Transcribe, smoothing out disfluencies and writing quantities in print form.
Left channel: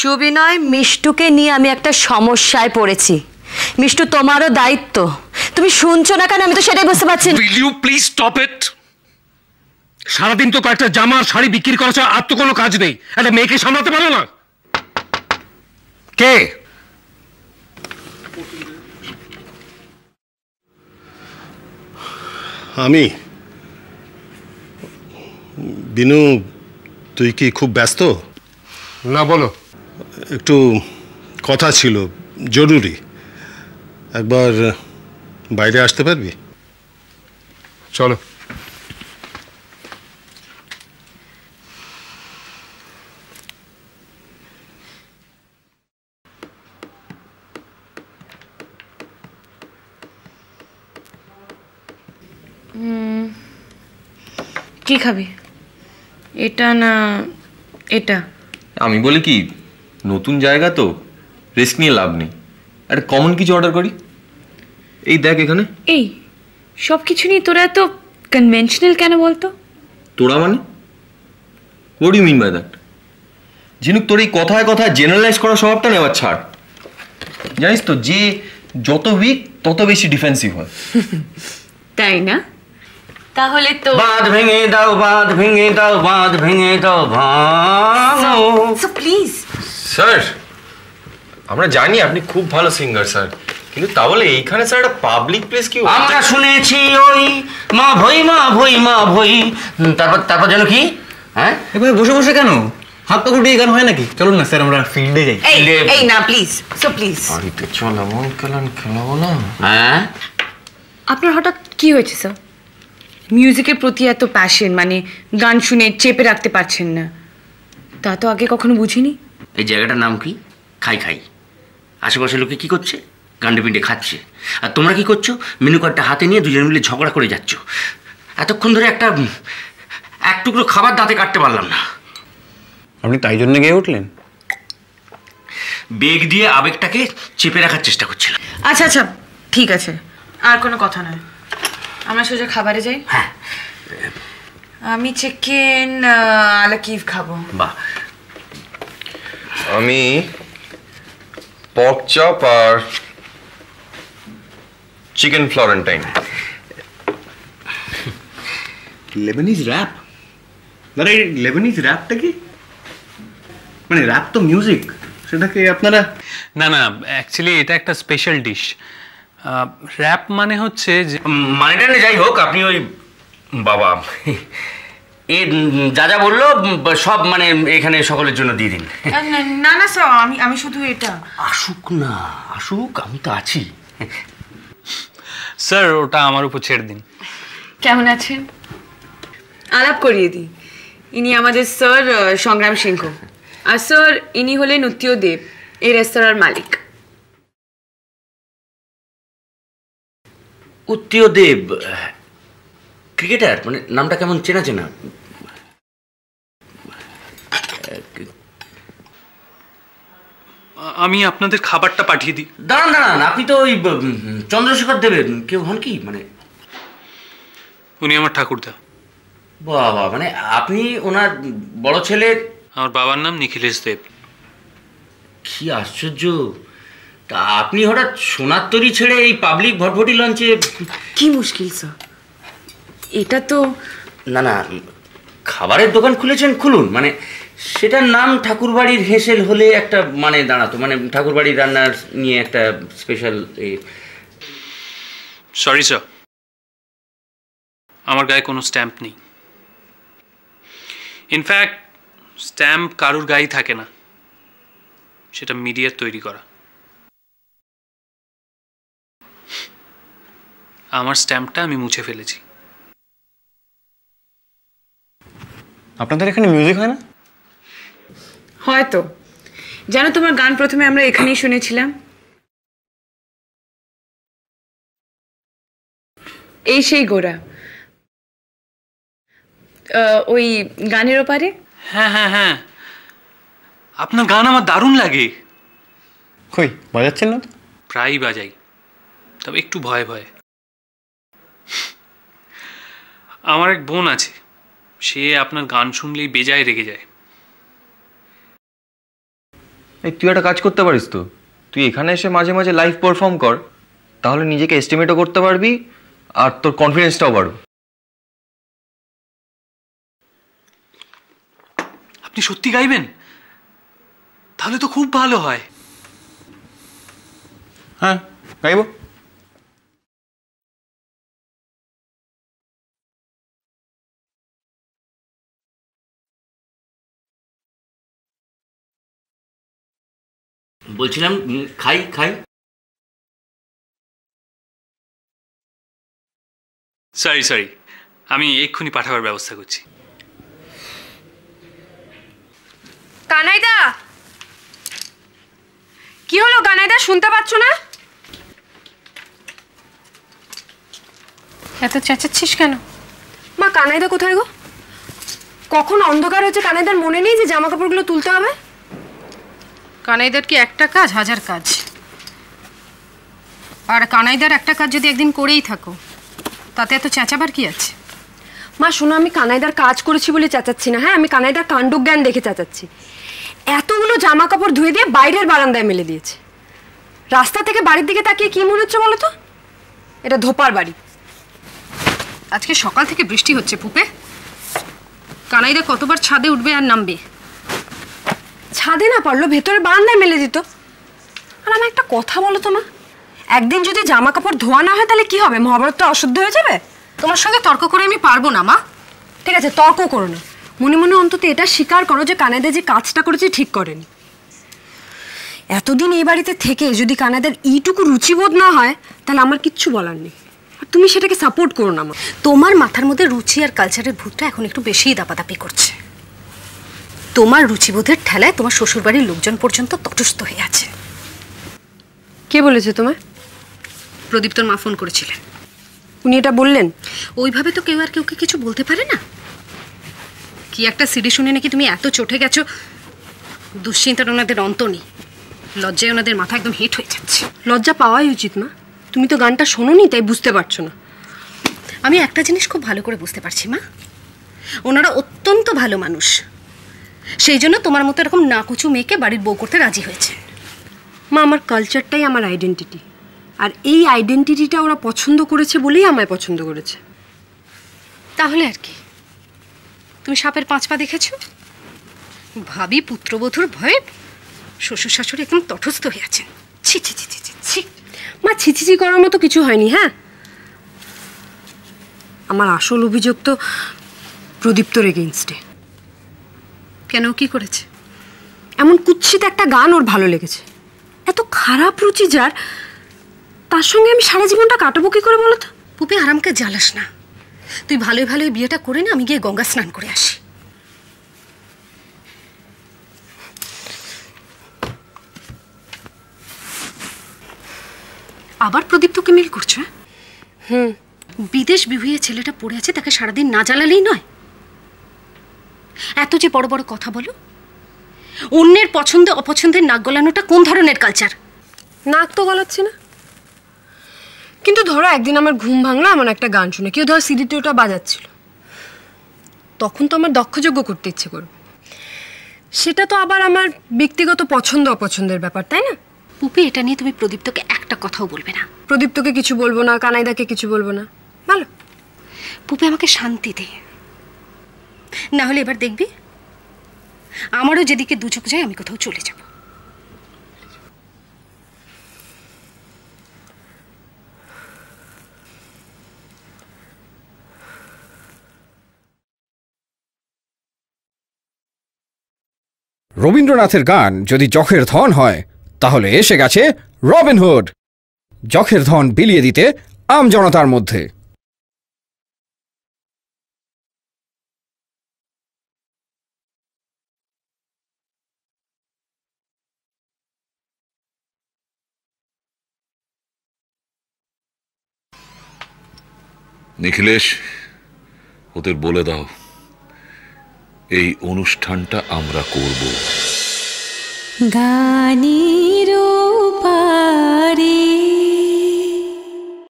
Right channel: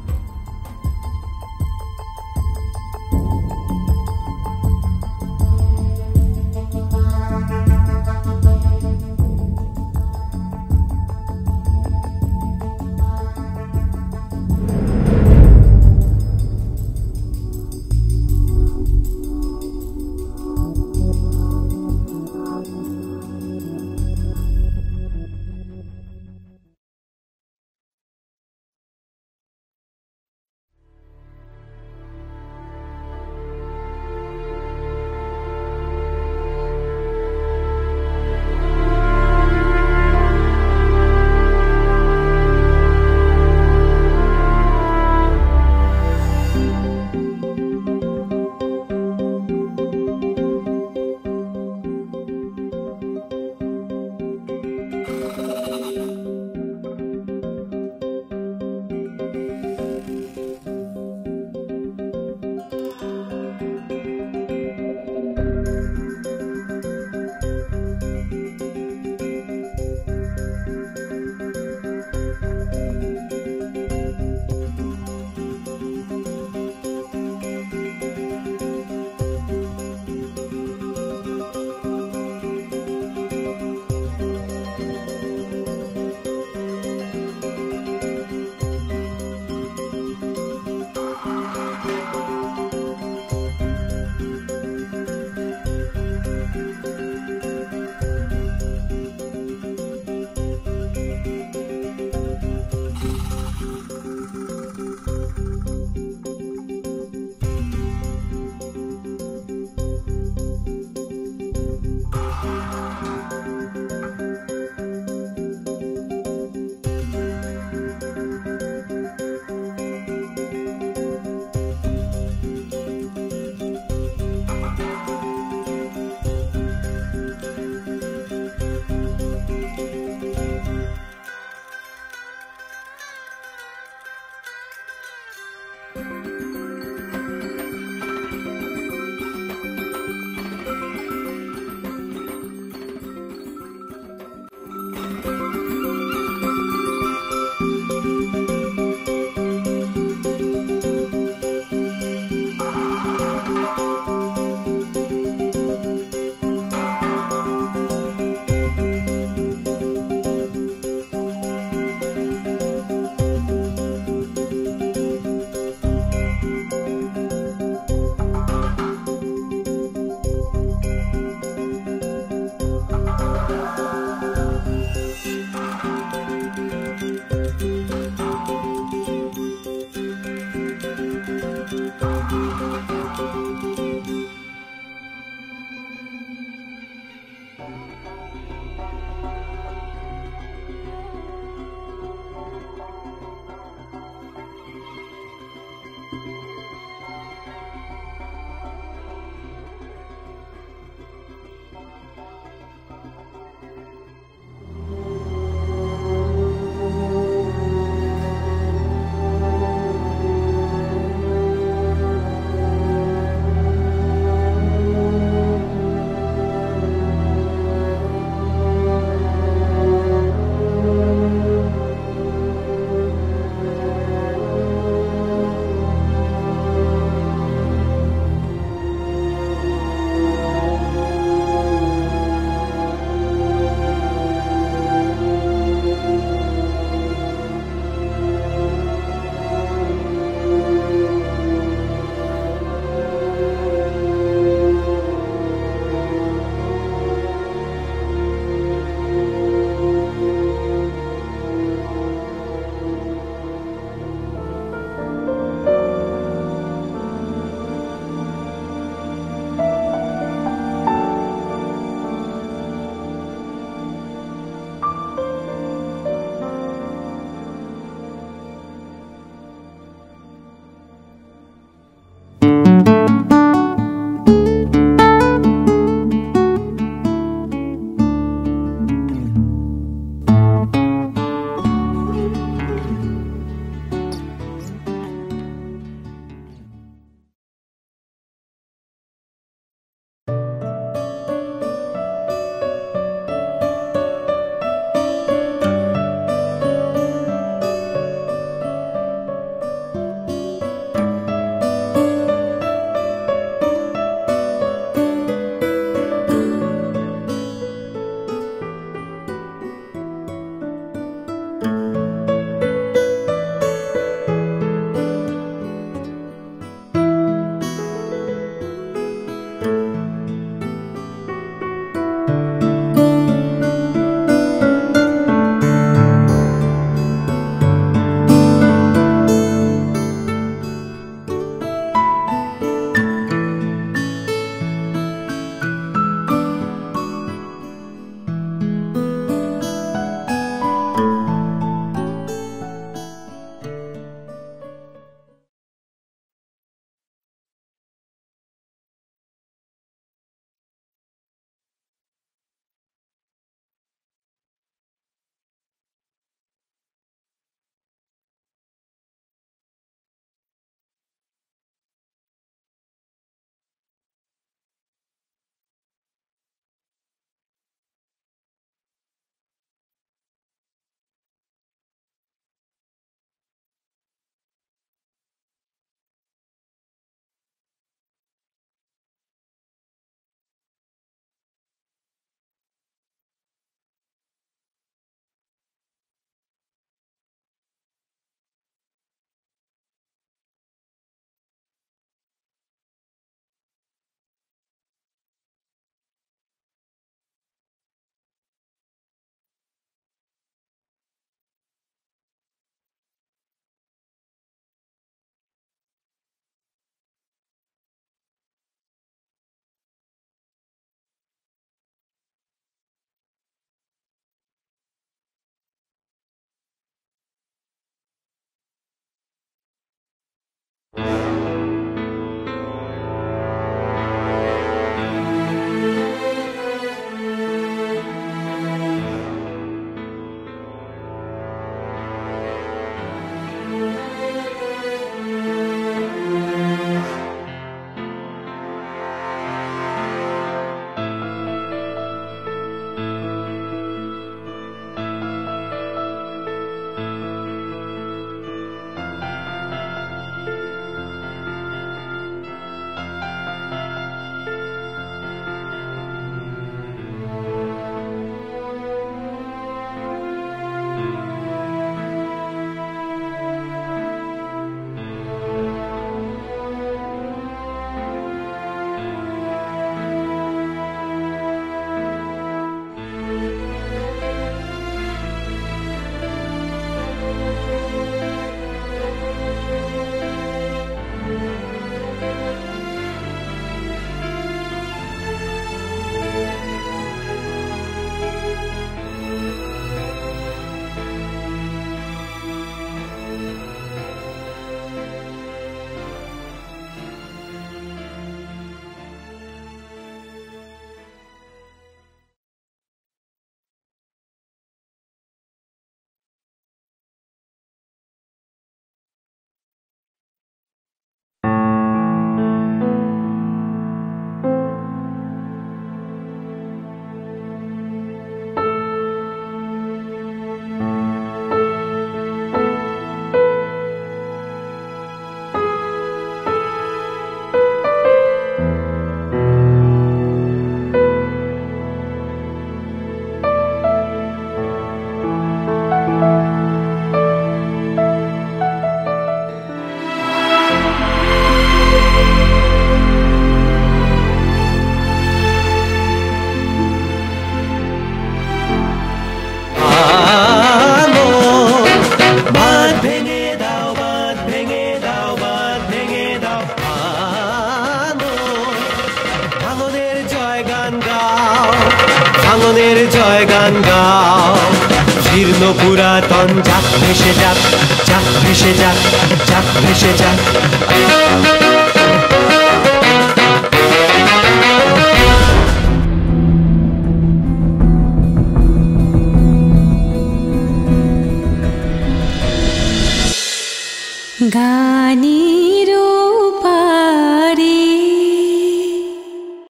সুবিনয়, মিষ্টুকে নিয়ে আমি একটা সমস্যায় পড়েছি। মিষ্টু, তোমারও দায়িত্ব। তুমি শুনছো না কেন? আমি তো সেটাই বুঝতে পারছি না। Will you please stop it? সারাদিন তো কয়েকটা জামা আর শাড়ি বিক্রি করা ছাড়া আর তো কোনো কাজ নেই। একটা মেয়েকে সামলাতে পারো না? কে? আমি। বিনু, তুই কি খুব ব্যস্ত? না, বলো। একটু কথা ছিল, জরুরি। একবার বাইরে আসতে পারবি? চলো। কি খাবি? এটা না এটা? আমি বলি কি, নতুন জায়গা তো, রিস্ক নিয়ে লাভ নেই। একটা কমন কিছু অর্ডার করি। এই দেখ এখানে। এই সব কিছু নিয়ে তোরা এত কনভেনশনাল কেন বলতো? তোরা মানে? What do you mean by that? Jhinuk, তোর এই কথায় কথায় জেনারেলাইজ করার স্বভাবটা নেওয়ার ছাড়। জানিস তো, যে যত উইক তত বেশি ডিফেন্সিভ হয়। তাই না? তাহলে তো বাঁধ ভেঙে দাও, বাঁধ ভেঙে দাও, বাঁধ ভেঙে দাও, ভাঙো। সো প্লিজ স্যার, আমরা জানি আপনি খুব ভালো সিঙ্গার স্যার, কিন্তু তা বলে এইখানে স্যার একটা পাবলিক প্লেস কি? আমরা শুনেছি ওই মা ভই, মা ভই, মা ভই। তারপর যেন কি? হ্যাঁ, এবার বসে বসে কেন? হাত পা গুটিয়ে গান হয় নাকি? চলুন না স্যার, আমরা ফিল্ডে যাই। এই না প্লিজ, সো প্লিজ। বাড়িতে চল, এমন খেলান খেলাবো না। হ্যাঁ, আপনার হঠাৎ কি হয়েছে স্যার? মিউজিকের প্রতি এত প্যাশন, মানে গান শুনে চেপে রাখতে পারছেন না, তা তো আগে কখনো বুঝিনি। এই জায়গাটার নাম কি? খাই খাই। আশেপাশের লোকে কি করছে? গান্ডে পিন্ডে খাচ্ছে। আর তোমরা কি করছো? মেনু কার্ডটা হাতে নিয়ে দুজন মিলে ঝগড়া করে যাচ্ছ। এতক্ষণ ধরে এক টুকরো খাবার দাঁতে কাটতে পারলাম না। আপনি তাই জন্য গিয়ে উঠলেন? বেগ দিয়ে আবেগটাকে চেপে রাখার চেষ্টা করছিলাম। আচ্ছা আচ্ছা, ঠিক আছে, আর কোনো কথা নয়, আমরা সোজা খাবারে যাই। হ্যাঁ, আমি চিকেন আলা কিফ খাবো। বাহ। আমি পর্ক চপ আর চিকেন ফ্লোরেন্টাইন। Lebanese wrap? আরে লেবানিজ র‍্যাপটা কি? মানে র‍্যাপ তো মিউজিক, সেটাকে আপনারা... না না, অ্যাকচুয়ালি এটা একটা স্পেশাল ডিশ। র‍্যাপ মানে হচ্ছে যে, মানেটা যাই হোক, আপনি ওই বাবা এ যা যা বললো সব মানে এখানে সকলের জন্য দিয়ে দিন। না না স্যার, আমি শুধু এটা। আসুক না, আসুক, আমি তো আছি। স্যার ওটা আমার উপর ছেড়ে দিন। কেমন আছেন? আলাপ করিয়ে দিই, ইনি আমাদের স্যার সংগ্রাম সিংহ, আর স্যার ইনি হলেন উত্তীয় দেব, এই রেস্তোরাঁর মালিক। উত্তীয় দেব ক্রিকেটার, মানে নামটা কেমন চেনা চেনা। আমি আপনাদের খাবারটা পাঠিয়ে দিই। দাঁড়ান দাঁড়ান, আপনি তো ওই চন্দ্রশেখর দেবের কেউ হন কি? মানে উনি আমার ঠাকুরদা। বাবা, মানে আপনি ওনার বড় ছেলে? আমার বাবার নাম নিখিলেশ দেব। কি আশ্চর্য, আপনি হঠাৎ সোনার তরী ছেড়ে এই পাবলিক ভটভটি লঞ্চে? কি মুশকিল স্যার, এটা তো... না না, খাবারের দোকান খুলেছেন, খুলুন, মানে সেটার নাম ঠাকুরবাড়ির হেসেল হলে একটা মানে দাঁড়াতো, মানে ঠাকুরবাড়ির রান্নার নিয়ে একটা স্পেশাল। সরি স্যার, আমার গায়ে কোনো স্ট্যাম্প নেই। ইনফ্যাক্ট স্ট্যাম্প কারুর গায়ে থাকে না, সেটা মিডিয়ার তৈরি করা। আমার স্ট্যাম্পটা আমি মুছে ফেলেছি। আপনাদের এখানে মিউজিক হয় না? হয়তো। জানো, তোমার গান প্রথমে আমরা এখানেই শুনেছিলাম, এই সেই গোড়া, ওই গানের ওপারে। হ্যাঁ হ্যাঁ হ্যাঁ, আপনার গান আমার দারুণ লাগে। কই বাজাচ্ছেন না তো? প্রায়ই বাজাই, তবে একটু ভয়ে ভয়ে। আমার এক বোন আছে, সে আপনার গান শুনলেই বেজায় রেগে যায়। তুই একটা কাজ করতে পারিস তো, তুই এখানে এসে মাঝে মাঝে লাইভ পারফর্ম কর, তাহলে নিজেকে এস্টিমেটও করতে পারবি আর তোর কনফিডেন্সটাও বাড়বে। আপনি সত্যি গাইবেন? তাহলে তো খুব ভালো হয়। হ্যাঁ, গাইব। বলছিলাম খাই খাই। সরি সরি, আমি এক্ষুনি পাঠাবার ব্যবস্থা করছি। কানাইদা, কি হলো কানাইদা, শুনতে পাচ্ছ না? এত চেঁচাচ্ছিস কেন? মা, কানাইদা কোথায় গো? কখন অন্ধকার হয়েছে কানাইদার মনে নেই যে জামা কাপড়গুলো তুলতে হবে? কানাইদার কি একটা কাজ, হাজার কাজ। আর কানাইদার একটা কাজ যদি একদিন করেই থাকো, তাতে এত চেঁচাবার কি আছে? মা শোনো, আমি কানাইদার কাজ করেছি বলে চেঁচাচ্ছি না, হ্যাঁ? আমি কানাইদার কাণ্ডজ্ঞান দেখে চেঁচাচ্ছি। এতগুলো জামা কাপড় ধুয়ে দিয়ে বাইরের বারান্দায় মেলে দিয়েছে। রাস্তা থেকে বাড়ির দিকে তাকিয়ে কি মনে হচ্ছে বলো তো? এটা ধোপার বাড়ি। আজকে সকাল থেকে বৃষ্টি হচ্ছে পুপে। কানাইদা কতবার ছাদে উঠবে আর নামবে? ছাদে না পারলো ভেতরে বারান্দায় মেলে দিত। আর আমার একটা কথা বলো তো মা, একদিন যদি জামা কাপড় ধোয়া না হয় তাহলে কি হবে? মহাভারতটা অশুদ্ধ হয়ে যাবে? তোমার সঙ্গে তর্ক করে আমি পারবো না মা। ঠিক আছে, তর্ক করো না, মনে মনে অন্তত এটা স্বীকার করো যে কানাইদা যে কাজটা করেছে ঠিক করেনি। এতদিন এই বাড়িতে থেকে যদি কানাইদার এইটুকু রুচিবোধ না হয় তাহলে আমার কিচ্ছু বলার নেই। আর তুমি সেটাকে সাপোর্ট করো না মা। তোমার মাথার মধ্যে রুচি আর কালচারের ভূতটা এখন একটু বেশিই দাপাদাপি করছে। তোমার রুচিবোধের ঠেলায় তোমার শ্বশুরবাড়ির লোকজন পর্যন্ত তটস্থ হয়ে আছে। কে বলেছে তোমায়? প্রদীপ তোর মা ফোন করেছিলেন। উনি এটা বললেন? ওইভাবে তো কেউ আর কেউকে কিছু বলতে পারে না। কি একটা সিডি শুনে নাকি তুমি এত চটে গেছো, দুশ্চিন্তার ওনাদের অন্ত নেই। লজ্জায় ওনাদের মাথা একদম হিট হয়ে যাচ্ছে। লজ্জা পাওয়াই উচিত না। তুমি তো গানটা শোনোনি, তাই বুঝতে পারছো না। আমি একটা জিনিস খুব ভালো করে বুঝতে পারছি মা, ওনারা অত্যন্ত ভালো মানুষ। সেই জন্য তোমার মতো এরকম নাকুচু মেয়েকে বাড়ির বউ করতে রাজি হয়েছে। মা, আমার কালচারটাই আমার আইডেন্টিটি, আর এই আইডেন্টিটিটা ওরা পছন্দ করেছে বলেই আমায় পছন্দ করেছে। তাহলে আর কি? তুমি সাপের 5 পা দেখেছো? ভাবি পুত্রবধূর ভয়ে শ্বশুর শাশুড়ি একদম তটস্থ হয়ে আছে। ছি ছি ছি ছি ছি। মা, ছিচিচি করার মতো কিছু হয়নি। হ্যাঁ, আমার আসল অভিযোগ তো প্রদীপ্তর এগেইনস্টে। কেন, কি করেছে? এমন কুৎসিত একটা গান ওর ভালো লেগেছে। এত খারাপ রুচি যার, তার সঙ্গে আমি সারা জীবনটা কাটাবো কি করে বলো তো? খুবই আরামকে জ্বালাস না। তুই ভালোই ভালোই বিয়েটা করে না, আমি গিয়ে গঙ্গা স্নান করে আসি। আবার প্রদীপ তোকে মেল করছো? বিদেশ বিভুঁইয়ে ছেলেটা পড়ে আছে, তাকে সারাদিন না জ্বালালেই নয়। এত যে বড় বড় কথা বলো, অন্যের পছন্দ অপছন্দের নাক গলানোটা কোন ধরনের কালচার? নাক তো গলাচ্ছে না, কিন্তু ধরো একদিন আমার ঘুম ভাঙলো এমন একটা গান শুনে, কেউ ধরো সিডিতে ওটা বাজাচ্ছিল, তখন তো আমার দক্ষযোগ্য করতে ইচ্ছে করবে। সেটা তো আবার আমার ব্যক্তিগত পছন্দ অপছন্দের ব্যাপার, তাই না? পুপি, এটা নিয়ে তুমি প্রদীপ্তকে একটা কথাও বলবে না। প্রদীপ্তকে কিছু বলবো না, কানাইদাকে কিছু বলবো না, ভালো? পুপি, আমাকে শান্তি দে, না হলে এবার দেখবি আমারও যেদিকে দু চোখ যায় আমি কোথাও চলে যাব। রবীন্দ্রনাথের গান যদি চোখের ধন হয়, তাহলে এসে গেছে রবিনহুড, চোখের ধন বিলিয়ে দিতে আম জনতার মধ্যে। ভাঙনের জয় গান গাও, জীর্ণ পুরাতন যাক ভেসে যাক, যাক ভেসে যাক, যাক ভেসে যাক। নিখিলেশ, ওদের বলে দাও এই অনুষ্ঠানটা আমরা গানের পারে